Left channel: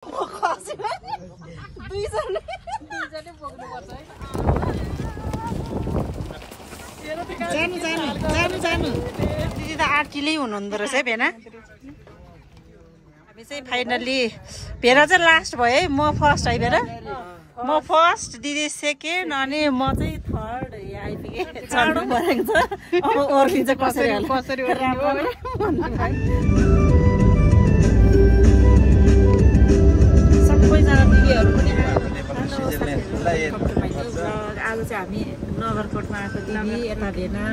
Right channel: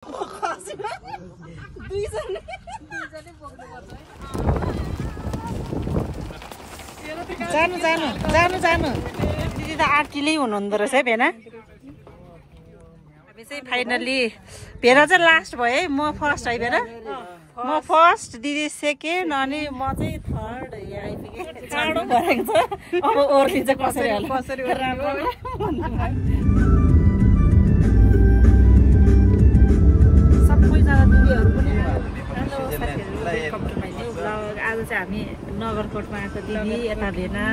जानु जानु जानु जानु दिदी त आर्टिलै हुनुहुँदो रहेछ है भेना। हामी चाहिँ फाइनल्ली भेना चाहिँ लास्ट भयो है, म फर्स्ट है भेना, म फर्स्ट, दिदी सेकेन्ड, अनि म चाहिँ थर्ड आइपुगेँ। चाँडो भरेको छ, अब ओर्लिन्छ कसरी होला राम्रो। सबैजना दिदीहरू पनि आज चाहिँ हामी नगरकोटमा आएको दिदी यता भेना,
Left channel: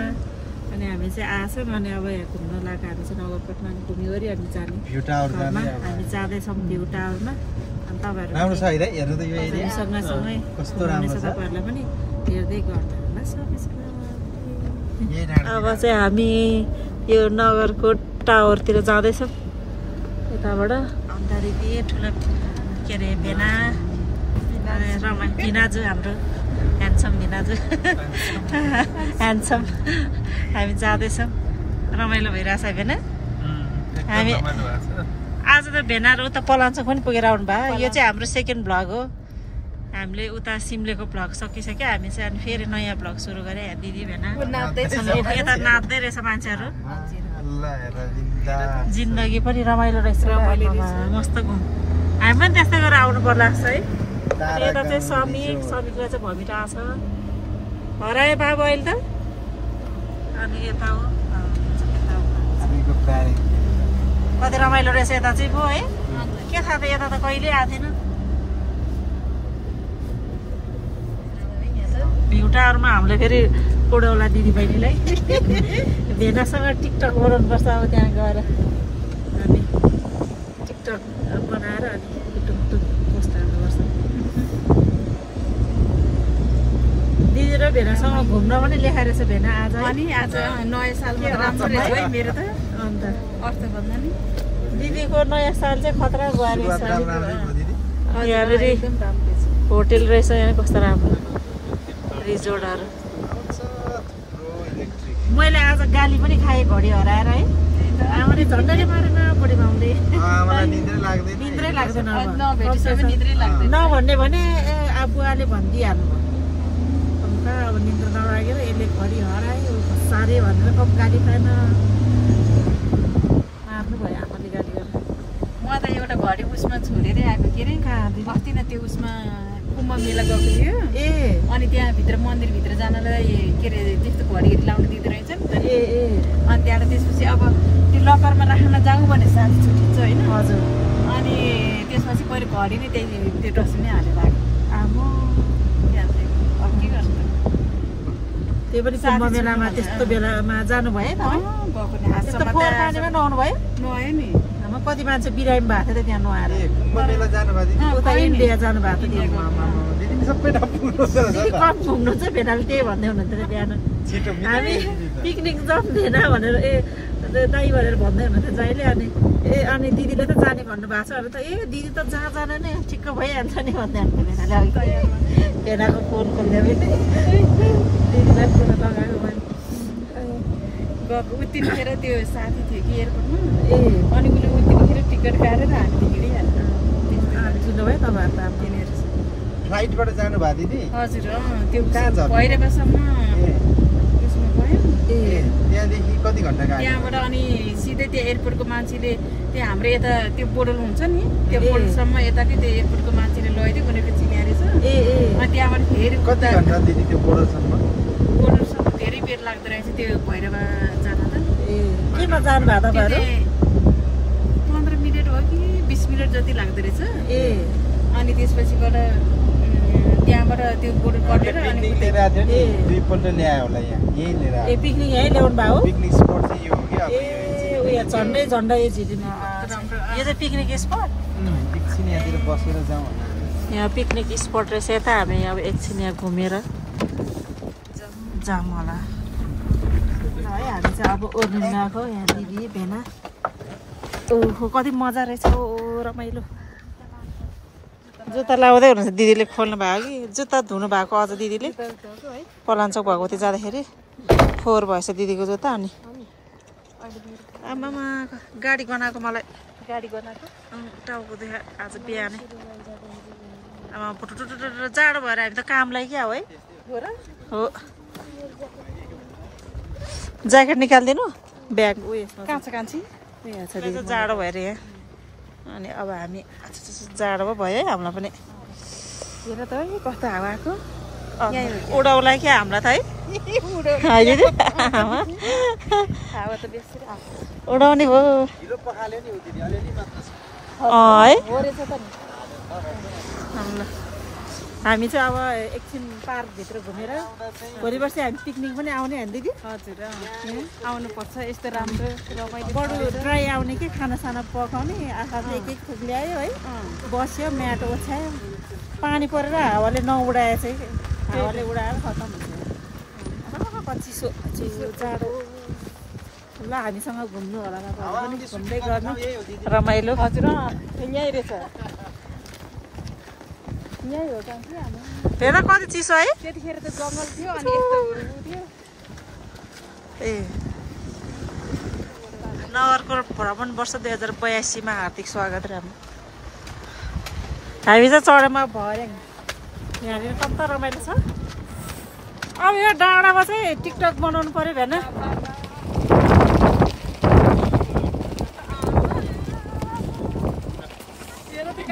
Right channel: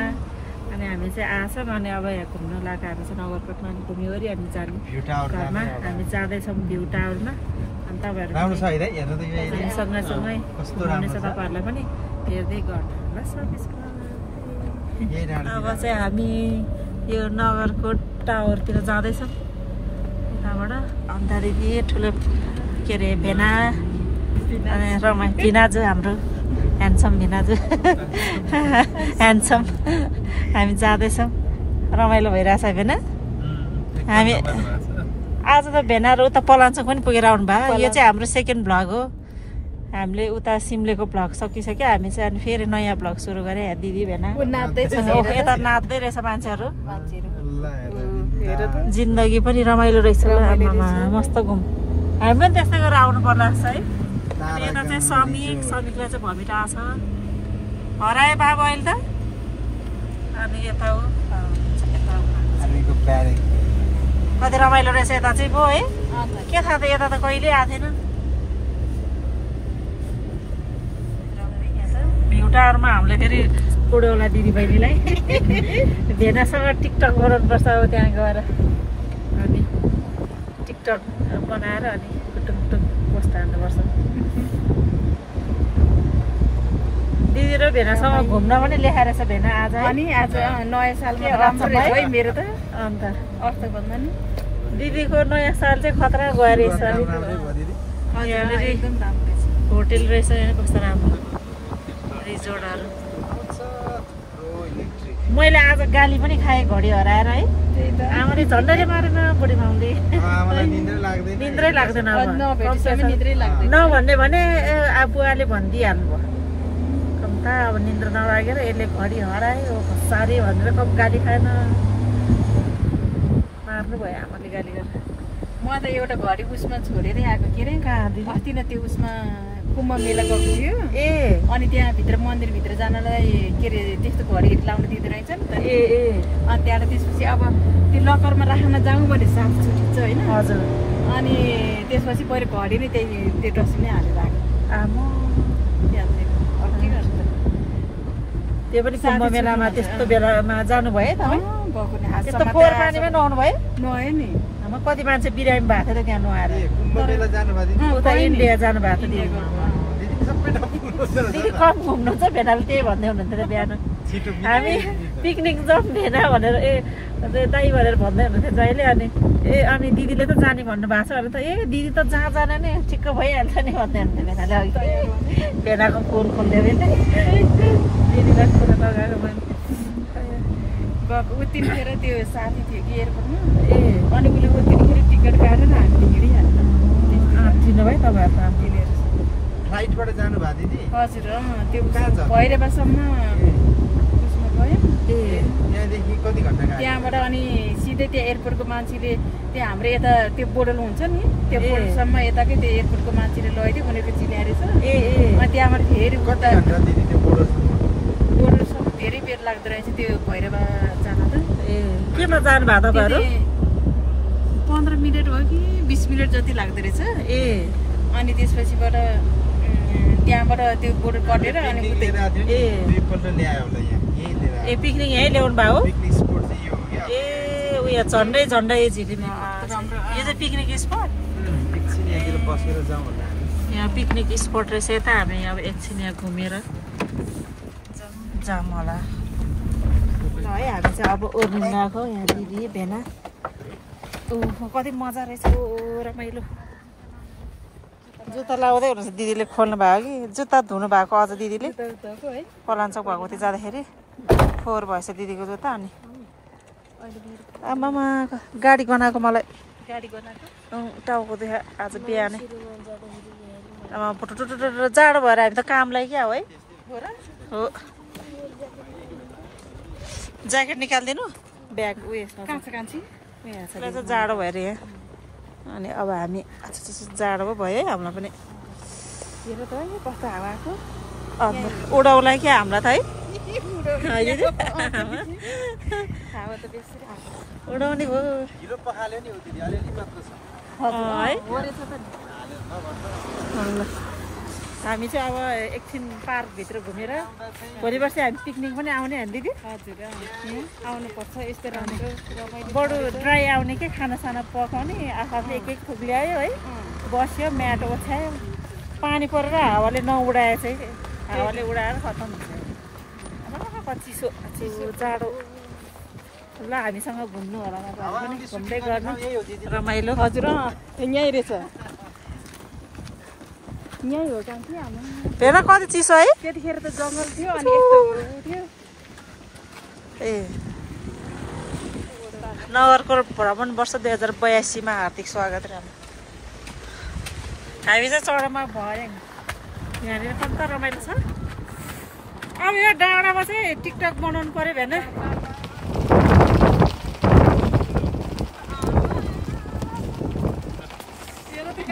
अनि हामी चाहिँ आछौँ, अनि अब यहाँ घुम्न लागेको हामी चाहिँ नगरकोटमा घुमिवरि अनि जाने घरमा हामी जाँदैछौँ भ्यू टावरमा। अनि तपाईँहरू सँगसँगै घुम्नेछ, तपाईँहरूलाई पनि हेर्दै गर्नु होला सब्सक्राइब। अब चाहिँ हामी यो नगरकोट टावरतिर जाँदैछौँ यताबाट। दिदी ठुलो के अरे भेना भिना चाहिँ हाम्रो ह्यान्डसम भिनाजु ह्यान्डसम। हामी जाँदैछौँ, रमाइलो भइरहेछ भेना। हामी आज त भेनाहरू उता पलाञ्चोक पनि पुगेर आउनु भयो। यो चाहिँ हाम्रो सेकेन्ड भ्लग हो। हामीले उता सिमलेको भ्लग सकिसक्यो, हामी चाहिँ अनि फेरि नयाँ भ्लग सुरु गरेँ। दिदी भेना यता नाच्दै रहेछ मान्छेहरू। जिन्दगी पनि रमाइलो रहेछ, मस्त घुम। हामी पनि त्यस्तै गरेर आउनु पर्ला है। अनि यता चाहिँ समीकलाई चाहिँ भमिटा छ हरायो बाबु अहिले त। अनि यता हो कति रमाइलो रहेछ यता चाहिँ भयो है। के थाहा त यता त कहिले आएको थिएन। भ्यू टावरमा हामीले फेरि उड्यो होला दिदी बहिनीलाई भेनासँग टिकटक बनाउनुपर्छ अब त्यहाँ गएर। अनि टिकटक बनाएर अनि टुङ पोस्ट हाल्नुपर्छ। दिदी र भेनासँग घुम्न पनि लेखाएर छ भेना आज। अनि आज नयाँ सालमा राम्रो रहेछ है मेरो त। अन्त अर्थ भन्दा नि दिदीको नयाँ साल चाहिँ खतरा गयो रहेछ। होटेल रहेछ यहाँ कस्तो राम्रो रिजोर्टहरू। मैले आज गाली पनि खाएँ घडी हराएर है। आमाले झन्डैले मारेन बुढी माउले, निन्द्रै लाग्दैन नभन्ने भने बुवाले भनिदिइहाल्नु भयो। कम त अब निन्द्रा नलागेर यसले घडी हरायो साह्रै भनेर कम गाली खाएन, मार्नु भयो आमाले गाली गरेर। म त एउटा घडी उसमा छोडेरै आएको के अरे अस्ति न त्यो उसमा कुम्भ मेला गएको थियो। अनि त्यहाँ भित्र मन्दिरभित्र जानलाई के अरे त्यस्तो घडीहरू लाउनु दिँदो रहेछ नि त। अनि त्यहाँबाट त्यसपछि अब त्यो लकरमा राख्न जाउँ भने साथ छुटिन्छ होइन। हजुर। अनि त्यसपछि पहिलो घडी नै त्यो डस्टबिनै हालेर लाग्यो। आमा त्यो पनि कुम्भ मेलामा त्यस्तो बेलामा जानुभयो तपाईँ? त्यस्तो फोहोर पानीमा नुहाउनु भयो? नुहायो नि। कति मान्छे बिरामी भएको थियो त त्यहाँ नुहाएर। उता इन्डिया जानु भएको थियो दिदी कम घुम्नु छ भेनाले त्यही भन्दै हुनुहुन्थ्यो बिहान। हामी पिकनिक जाउँ भेना भनेर दाइ भनेर भन्दै हुनुहुन्थ्यो जहिले। अनि दिदीले त जाने भन्नुभएको छ भने त दिदी त जहाँ जाने नै ठिक्क भइहाल्छ नि भन्दै हुन्थ्यो भेनाले। भेनाको फोन खोल्थ्यो भने दिदीलाई फोन लगाएको भयो। गएको उत्तिखेर त्यो साथी थियो कि एयरपोर्टमा। अनि उसले उत्तिखेर टिकट काटेर हामी हिँडिहाल्छ। भयो तपाईँहरू त किनेर फ्लाइटबाट जानु भयो दिदी? हजुर त्यो भैरवासम्म उसमा गयो। त्यहाँदेखि कति घन्टा? त्यहाँबाट अनि सिधै त्यो एयरपोर्टको मान्छेले त्यहाँ हाम्रो यता त्यो बोर्डर हुन्छ नि त्यो बोर्डरसम्म यताकै त्यो एयरपोर्टको मान्छेले लैदियो उनीहरूको चिनाएछ। अनि त्यहाँबाट फेरि कति घन्टा दिदी त्यो बोर्डरसम्म? बोर्डरसम्म धेरै बेर लाग्दो रहेछ त्यो भैरवा जान त। केमा जानु भएको त? 15 मिनट हो कि 20 मिनट जति लाग्दो रहेछ। अनि त्यसपछिबाट त्यहाँबाट त्यो बोर्डर कटेर अनि दुईपल्ट ल्यायो होला यहाँ यही लिएर। पिकनिक यही ल्याउनु भयो? पिकनिक स्पट चाहिँ यो हो कि उयो झन्डै झिलिमी राम्रो। यो चाहिँ पिकनिक स्पट। एकछिन यहाँतिर बसेर जाउँ होला। यहाँ पिकनिक स्पट रहेछ यता। हामी अब एकछिन यहाँ घुमेर जाऊँ होला है। हामी चाहिँ अब ओर्लिन गएको यहाँ दिदी भेना। ओहो कति मजा रहेछ, ओ रमाइलो। जुत्ता लाउँदै हुनुहुन्छ दिदीले खोल्नु भयो कि जुत्ता धुनु भएको अझ दिदीले पलाञ्चोक भएको थियो जाँदाखेरि फोहोर भएछ दिदीको जुत्ता। अनि आमामा गाडी बनाएको मलाई टाउको देखा आज बिहानै अब जाडो भएर हामी त कामलाई क्या हो है हो ज्याकेट निकाल्दिनु ब्याग उयो जाडो भएर यहाँ अनि अब हामी जाडो पो भयो है हामीलाई पनि कस्तो हावाको उडाउला क्या हामीलाई त है उडाउने भयो हामी चाहिँ अब एकछिन पार्कभित्र घुमेर भोलि पर्सि हामी पिकनिक पनि आउने होइन दिदी हजुर आउनुपर्छ यस्तो राम्रो बडो ड्राई आउने के खानासाना पकाउने आफूले एक एक थोक ल्यायो है बस्यो म्याट ओछ्यायो पानी परेर हावाले नउडाए चाहिँ हावाले उडाएर खतम हुन्छ चिसो जाडो ल हामीसँग घुम्नु होला पनि घुम्दै गर्नु रमाइलो हजुर यहीँ रहेछ यहीँ हो हेर कति चिसो है त्यतिखेर त जङ्गल थियो ए नगरकोट भ्रमण वर्ष 2082 हार्दिक स्वागत रे हामी चाहिँ चढेमा भयो यहाँनिर कम्ता रमाइलो छ अब यो डाँडामा चाहिँ टिकटक बनाउनु पर्यो भएन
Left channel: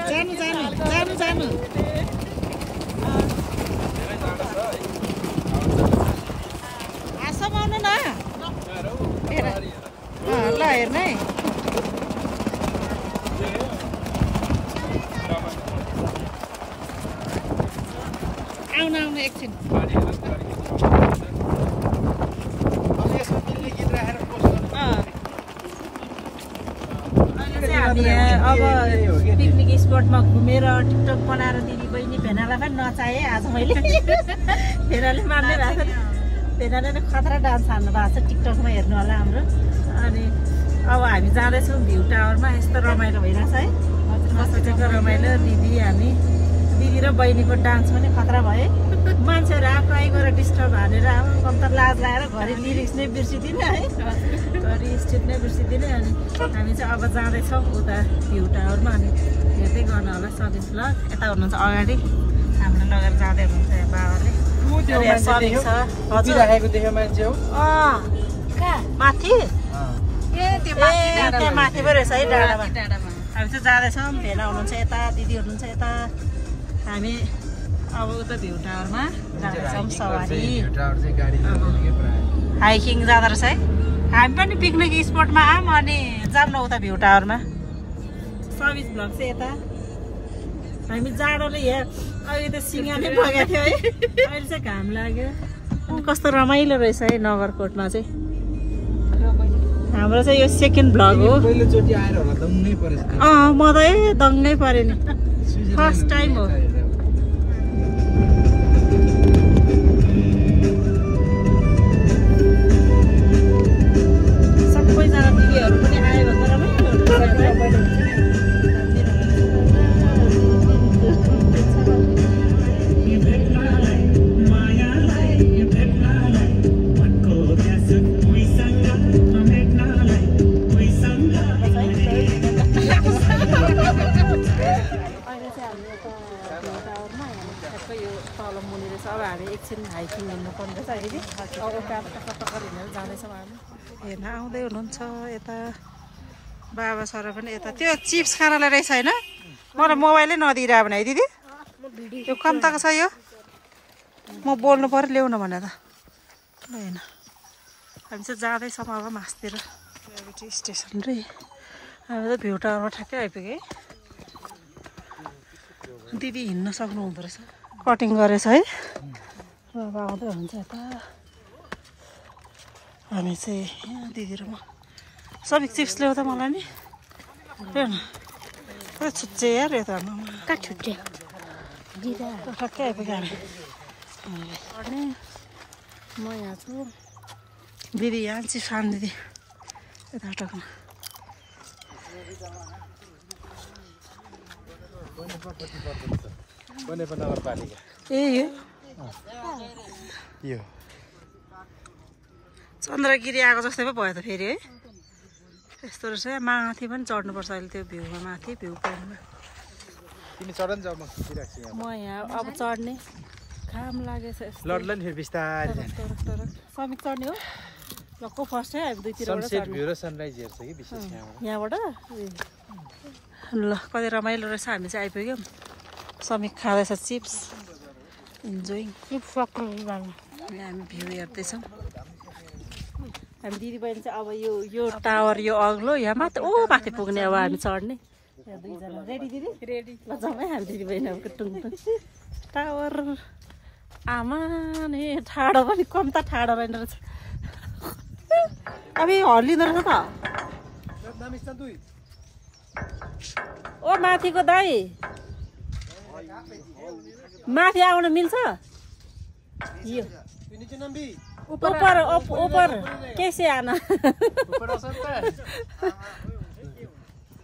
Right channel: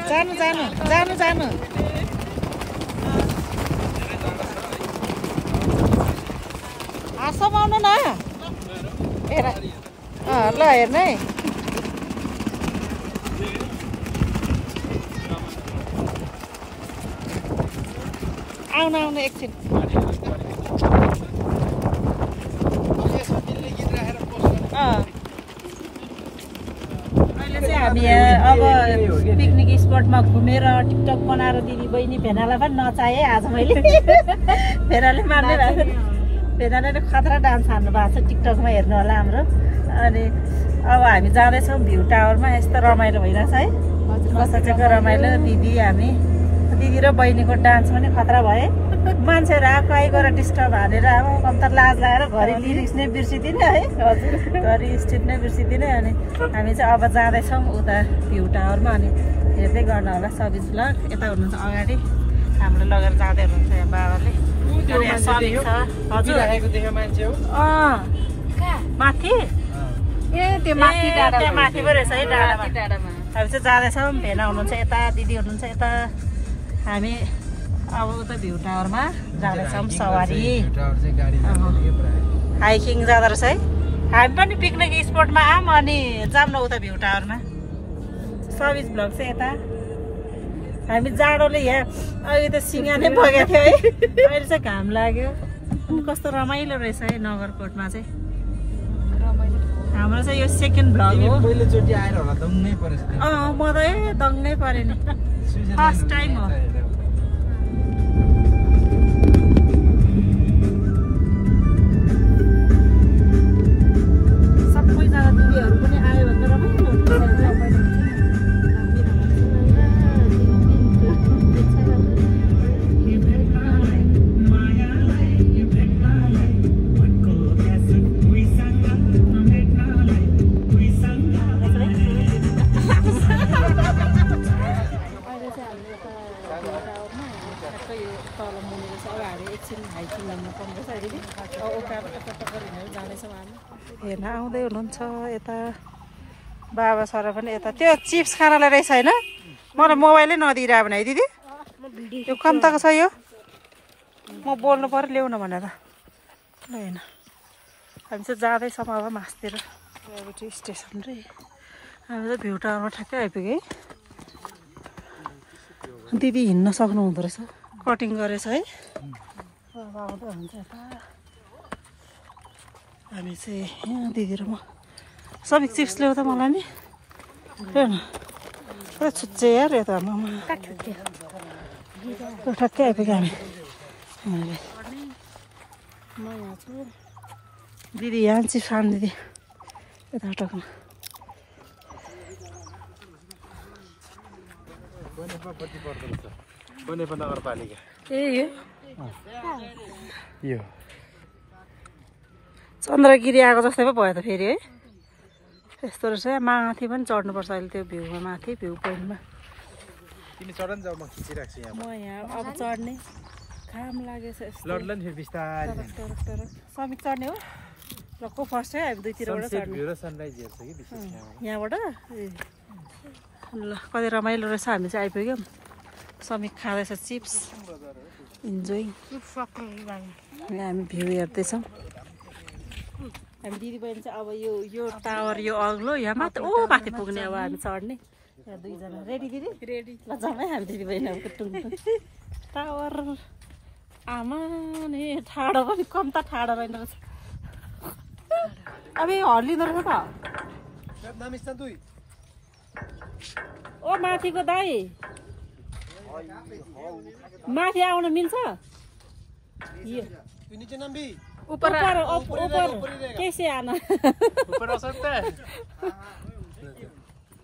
जानु जानु जानु जानु सब आउनु न ल हेर्नु है आउनु आउनु एकछिन हामी अब पिकनिक स्पटमा घुमेर टिकटक बनाएर दिदी बहिनी भेनालाई पनि नचाहे आज मैले भेनाले मान्ने भएको भेनाले खतरा डान्स हान्नु भएको छ टिकटकमा हेर्नु होला हाम्रो अनि अब हामी जाँदैछौँ भ्यू टावरमा यस्तो रमाइलो भइरहेछ है बसेको रमाइलो दिदी हामी दिदी र बहिनीको डान्स पनि खतरा भयो मान्छेहरू आएको आइ गएर डिस्टर्ब हानेर अब कम्ता लाज लाएर घरि लिरिक्स नै बिर्सिदिने है घरि स्टेप नै बिर्सिदिने अनि हामी चाहिँ अब जाँदैछौँ उता भ्यू टावरमा अनि हेर्दै गर्नु होला सबिज ल यता हुनुहुन्छ अगाडि हाम्रो लगेर जाँदै हुनुहुन्छ यहाँ बाबाले सबिज छ हजुर माथि त्यहाँ माथि पो रहेछ है डाँडामा हामी चाहिँ जाँदैछौँ भेना हुनुहुन्छ यता दिदी हुनुहुन्छ यता हामी अब उता भ्यू टावरमा जाँदैछौँ सवारी हाइकिङ जाँदो रहेछ है हामी पनि पिकनिक स्पटमा आऊँ अनि जाऊँ न उता भ्यू टावरमा सर्भिस भ्लग चाहिँ यता हामी जाडोले यहाँ अहिले त सिँगा नै बगेको थियो है अहिले चाहिँ घाम लाग्यो कस्तो रमाइलो रहेछ है नगरकोटमा चाहिँ हाम्रो चाहिँ यो सेकेन्ड भ्लग हो पहिलोचोटि आएर होला दङ्गै परेछ म त दङ्गै परे नि फर्स्ट टाइम हो सबैजना दिदीहरू पनि आयो भने रमाइलो तल मुनि रहेछ अब हामी एकछिन हाइकिङ हिँड्नु पर्ने रहेछ है दिदी अब उकालो टक्कर हिँडेर जाँदैछौँ हामी हेर्न आउँदै हुनुहुन्छ यता बाबा सर पनि यता त्यो चिप्स खानालाई रहेछ होइन मलाई मोबाइलै नदिइरह भने है दिदी यो कम्ताको छ यो म बोल्नु पर्यो ल्याउन भनेर ल होइन हामी चाहिँ जाँदैछौँ अब मासतिर ग्राभिटी स्टेसन रे हामी त भ्यू टावरमा ठ्याक्कै आइपुग्यो है दिदी हिँड्न सक्नु हुँदो रहेछ कटिङ गरेछ है अब आउँदै हुन्छ यता अनि चाहिँ यहाँ दिदी र म सबै चिप्स ल्याउ त मलाई नि हेर्न पुरा छुच्चे यार यो त ठ्याक्कै आइपुग्यो म यहाँ छु दिदी यहाँ चिप्स खानु दिदी यता टक्न ए यो चन्द्रगिरी आएको जस्तै पो भयो त फेरि है यस्तो रहेछ माथि पनि चढ्नुपर्छ अहिले त्यो भ्यूमा माथि भ्यू पोइन्टमा तिमी चढ न जाऊ म खिचिराख्छु यहाँ म यहाँ अब चढ्ने घाम लागेछ लड्लन फेरि बिस्तारै समिक चढ्ने हो ल को फर्स्ट है हामी दुईतिरबाट चढ्ने भ्यू र सनराइज हेर्छ कि विशेष यहाँबाट ल कति रमाइलो रहेछ हामी चाहिँ आइपुग्यौँ समिक खाँदैछ चिप्स इन्जोइङ हामी भ्यू हेर्दैछौँ हामी दिदीबहिनी चाहिँ अब यो टावर यो अग्लो यहाँ मात्र ओ माथि पुग्ने अब हामी चढ्ने यहाँ दुईजना रेडी दिदी रेडी ल जाउँ है हामी दिदीबहिनी अब टुङटुङ टावर आमा नि ठाडो पनि कम त ठाडो रहेन रहेछ अब हल्लिँदो रहेछ त ओ माथिको दाइ माथि आउन मिल्छ यो ऊपर ऊपर कैसे आना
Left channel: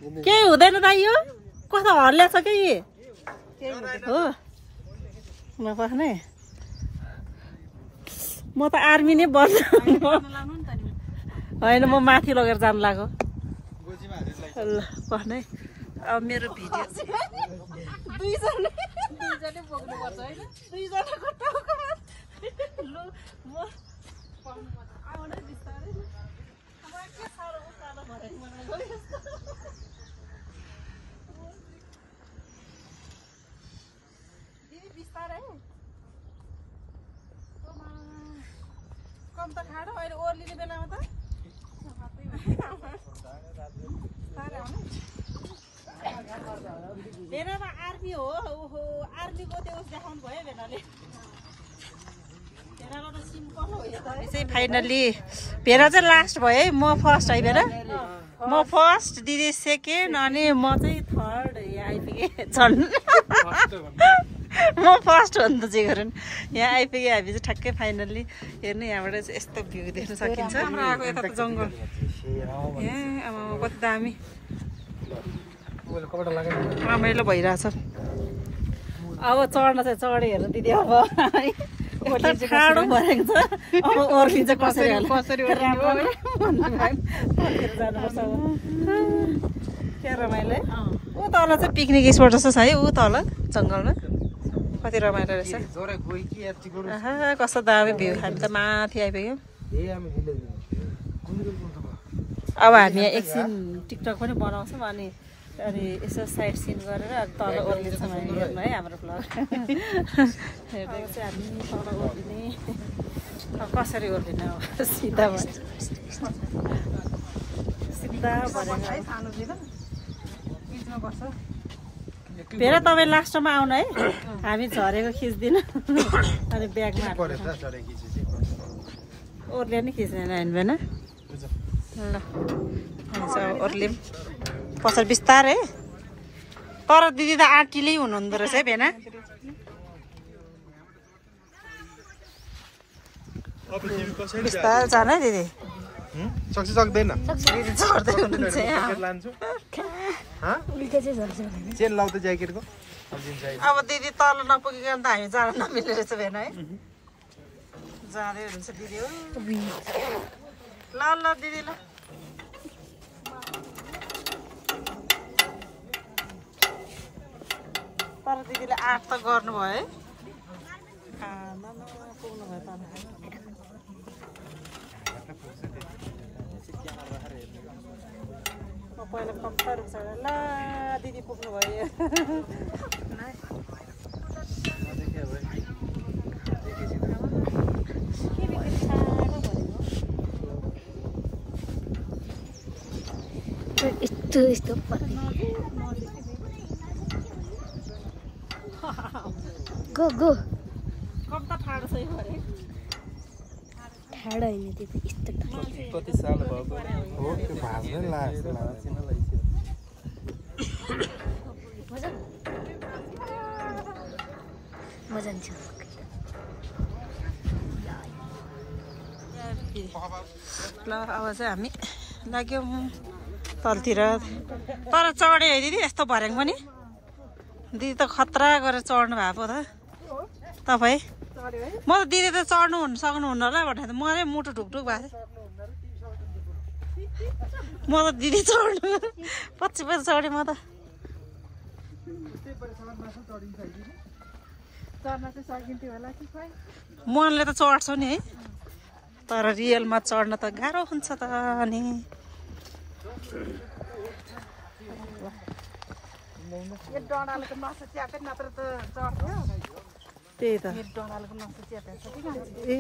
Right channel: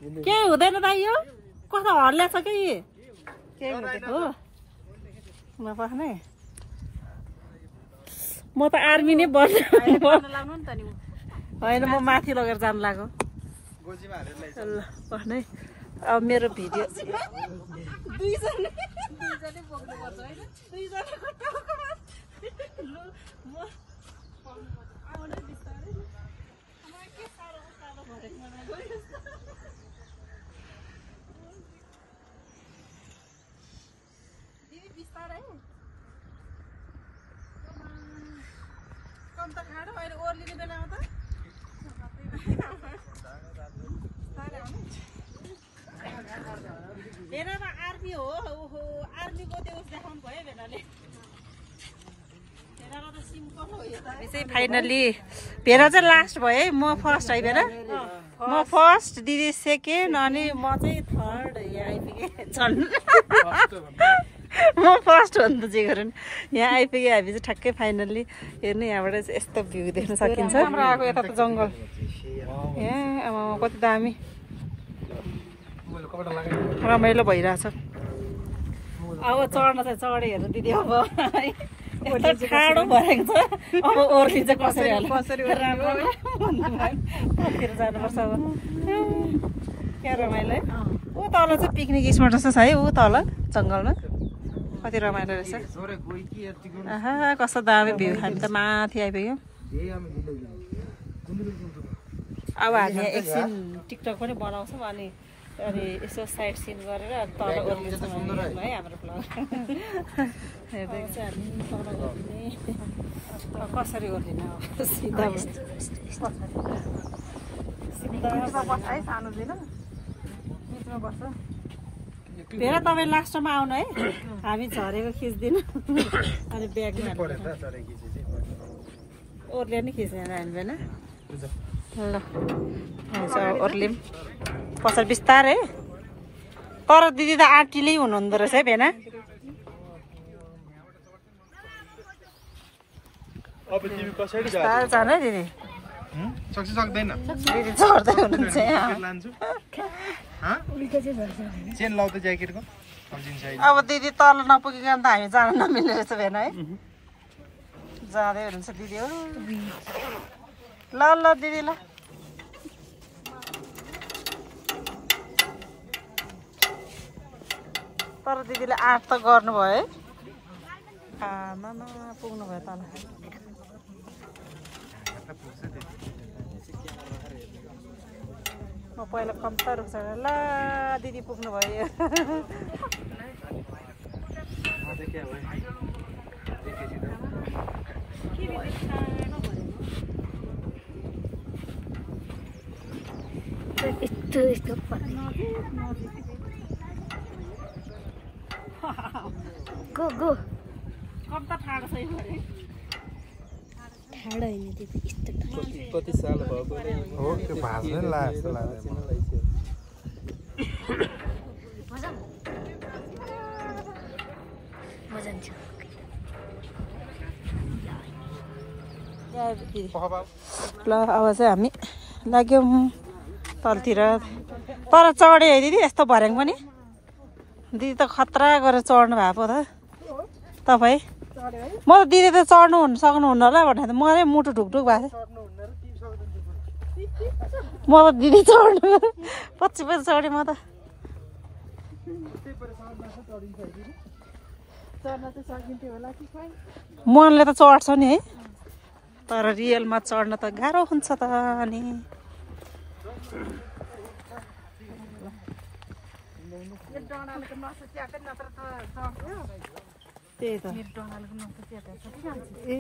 केही हुँदैन दाइ यो कस्तो हल्ल्याछ क्या हो नपस्ने म त आर्मी नै बन्द होइन म माथि लगेर जानु लाग्यो पस्ने अब मेरो भिडियो कम त खाडो अहिले ओर्लिने बेलामा त भेनामा आर्मी हो ओहो आर्मीको त्यो देखाउनु भयो भेनाले चाहिँ फाइनल्ली भेना चाहिँ लास्ट भयो है म फर्स्ट है भेना म फर्स्ट दिदी सेकेन्ड अनि म चाहिँ थर्ड यहाँ आइपुगेँ झन् म फर्स्ट हो नि त जे गरौँ यहाँ आइपुगेँ हामी चाहिँ ठ्याक्कै फाइनल्ली हेर्नु यहाँबाट चाहिँ यस्तो भ्यू देख्न सकिन्छ हाम्रो आएको यता त जङ्गल यहाँ अब कति दामी रमाइलो भइरहेछ अब चढ्न चाहिँ चढेँ हेर्नु दिदी अब यस्तो ठाडो भरेको छ अब ओर्लिन्छ कसरी होला कतिखेर जानुपर्छ अब क्या रमाइलो है ऊ तल चाहिँ पिकनिक स्पट जस्तो छ है ऊ तल जङ्गलमा कति रमाइलो रहेछ आहा कस्तो दामी भ्यू हामी त माथि आइपुग्यौँ अब हामी एकछिन टिकटक पनि बनाउँछौँ अनि यसो साइड सिन गरेर तल ओर्लिन्छौँ हेर्नु है हाम्रो भ्लग हेर्दै चाहिँ हामी तल ओर्लिने कसरी ओर्लिने अब सिधा सिधा बिचमा बस्छ भेना तपाईँ लास्टमा आउनु है हामी झरेको खिच्दिन अनि ब्यागमा ओर्ले नि खिच्दैन हामी भेना ल ओर्लिम पछाडि बिस्तारै तर दिदी त आँटिलै हुनुहुँदो रहेछ है भेना बिस्तारै जानु है दिदी सक्दैन दिदी चढ्दै हुनुहुन्छ अब दिदी तल नपुगिकन त हामी जान नमिल्ने रहेछ भेना है जाँदै हुनुहुन्छ दिदी हो ल ल दिदी ल तर दिदीले आँट त गर्नुभयो है आमा पुग्नु भयो तल म पहिला कम्ता रुख्छ ल दिदी पुग्नु भयो यस्तो गो गो कम त ठाडो छ यो अरे ठाडो होइन त्यो यस्तो कति साल भयो हो त्यो भाज्नै लाग्छ मजा आउँछ ल अब चाहिँ हामी लाग्यौँ तलतिर तर चढ्यो है दिदी यस्तो भर्याङ पनि दिदी त खतरा गरेर चढ्नु भएको त तपाईँ म त दिदी त चढ्नु सक्नुहुन्न होला भनेर मलाई मुटु ढुकढुक भएको म त दिदी चढ्नु पछि चढेँ म त चढ्न चाहिँ सकिन्थ्यो होला कि खोइ मनले त चढ्छ नि है तर रियलमा चढ्न त गाह्रो हुन्छ त अनि यो डडालेको नसा च्यापे नत्र त चढ्थ्यो त्यही त यो डडालेको नसा च्यापे छ कि मान्छे ए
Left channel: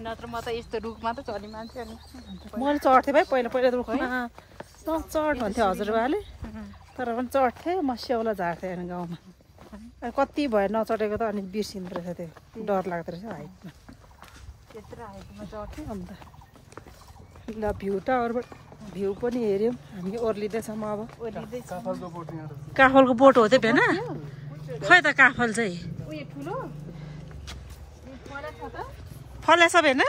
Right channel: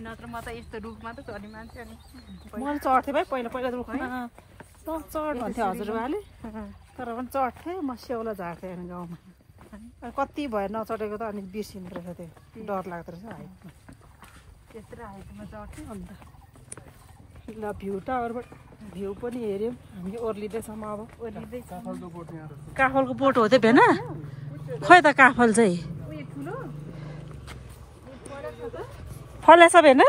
नत्र म त यस्तो रुखमा त चढी मान्छे अनि मैले चढ्थेँ भाइ पहिला पहिला रुखमा चढ भन्थ्यो हजुरबाले तर पनि चढ्थेँ म स्याउला झार्थेँ अनि गाउँमा कति भयो नचढेको त अनि बिर्सिँदो रहेछ त्यो डर लाग्दो रहेछ हाइटमा त्यत्रो हाइटमा चढ्थ्यो अन्त ल भ्यू टावरबाट भ्यू पनि हेऱ्यौँ हामी ओर्लिँदैछौँ अब ओर्लिँदैछ काफलको बोट हो त्यो भेन खोइ त काफल चाहिँ उयो ठुलो फलेछ भेन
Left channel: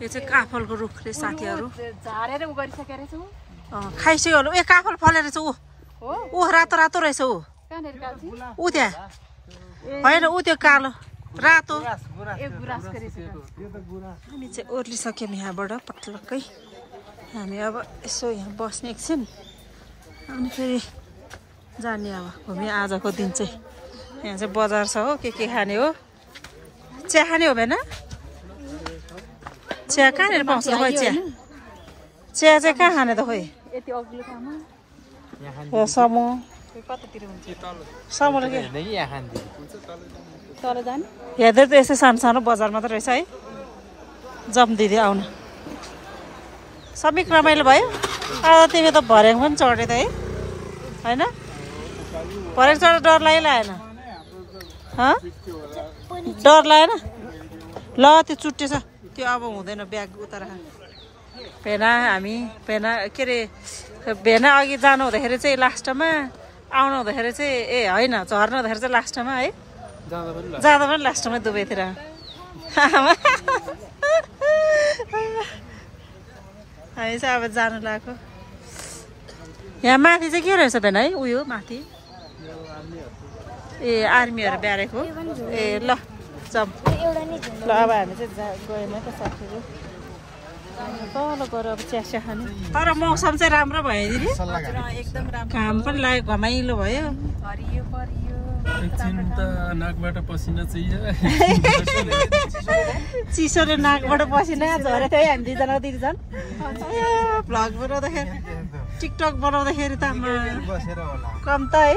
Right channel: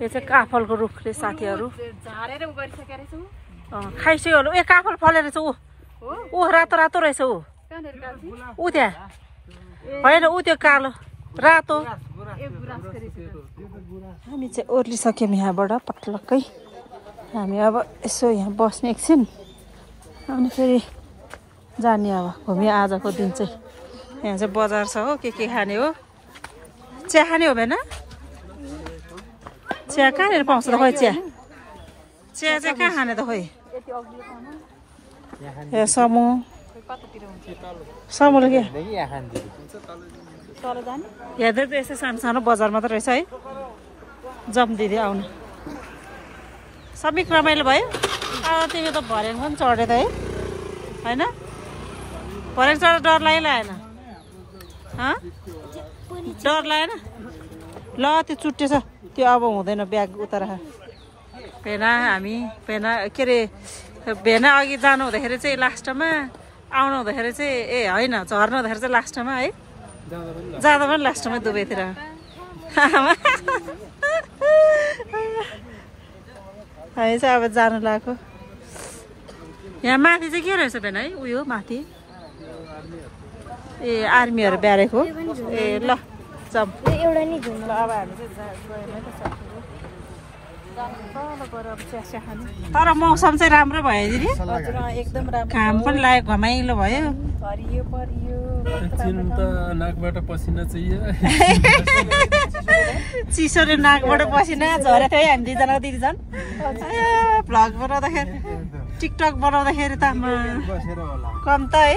यो चाहिँ काफलको रुख रे साथीहरू झारेर उ गरिसकेको रहेछ खाइसक्यो होला ए काफल फलेर रहेछ ऊ रातो रातो रहेछ ऊ कहाँनिर गाल्छी ऊ त्यहाँ होइन ऊ त्यो कालो रातो ए गुराँसको रहेछ हामी चाहिँ ओर्लिसक्यौँ यहाँबाट पटलक्कै हामी अब यसो यहाँ बस्ने एकछिन अनि फेरि जाने अब घुम्यो आजको दिन चाहिँ यहाँ चाहिँ बजार छ हो के खाने हो चिया खाने हो भएन चिया कहाँनिर पाउँछ त खोइ चिया चिया चाहिँ कहाँ खाने त खोइ यति अग्लो ठाउँमा ए समूह खोइ कतातिर हुन्छ समूहले के तल जाने हेर्दै त यस्तै सानो सानो बजार मात्रै रहेछ है जम दिदी आउन सबै रमाइलो भयो अब तिमी त भर्याङ पनि चढे त है होइन भर्याङ चढेर डर लागेन डर लागेन ल त्यो चुट्टेछ त्यो अब हुँदैन ब्याग उता राख भेना हामी भेना के अरे भेना अघि जानु हुँदाखेरि चाहिँ लास्टमा आउनु हुँदाखेरि चाहिँ ए होइन झर्नु हुँदाखेरि चाहिँ लास्टमा है जाँदा पनि लास्टमा दुवैतिर हामी चाहिँ अब जानु लाग्यो यहाँ माथि चाहिँ के रहेछ भेन है उयो माथि ए आर्मीहरू ब्यारेको ए ल जाउँ एउटा नि झुम ल अब हामी चाहिँ गएन त साथीहरू तल गएर अब चिया चिया खाने तर मौसम चाहिँ राम्रो भयो दिदी हजुर एकदम राम्रो घाम पनि लाग्यो घमाइलो भयो हरियो परियो नाकबाट पसिना चाहियो चिसोले नाकबाट पसिना झरेको थियो हामी दुईजना दिदीजना भ्लग बनाउँदाखेरि टिकटक बनाउँदाखेरि त कन्त है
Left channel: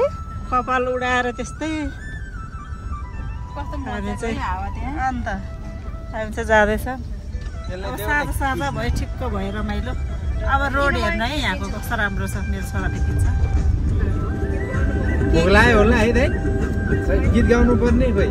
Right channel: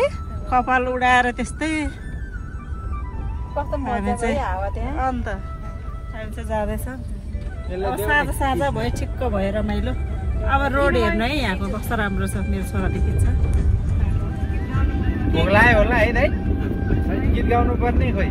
कपाल उडाएर त्यस्तै कस्तो मजा है हावा त्यहाँ अन्त हामी चाहिँ जाँदैछ साँझ साँझ भयो ठिक्क भयो रमाइलो अब रोड हेर्न है यहाँको कस्तो राम्रो छ मेरो छोराले खिच्छ भोग लाग्यो होला है दाइ गीत गाउनु पर्ने खोइ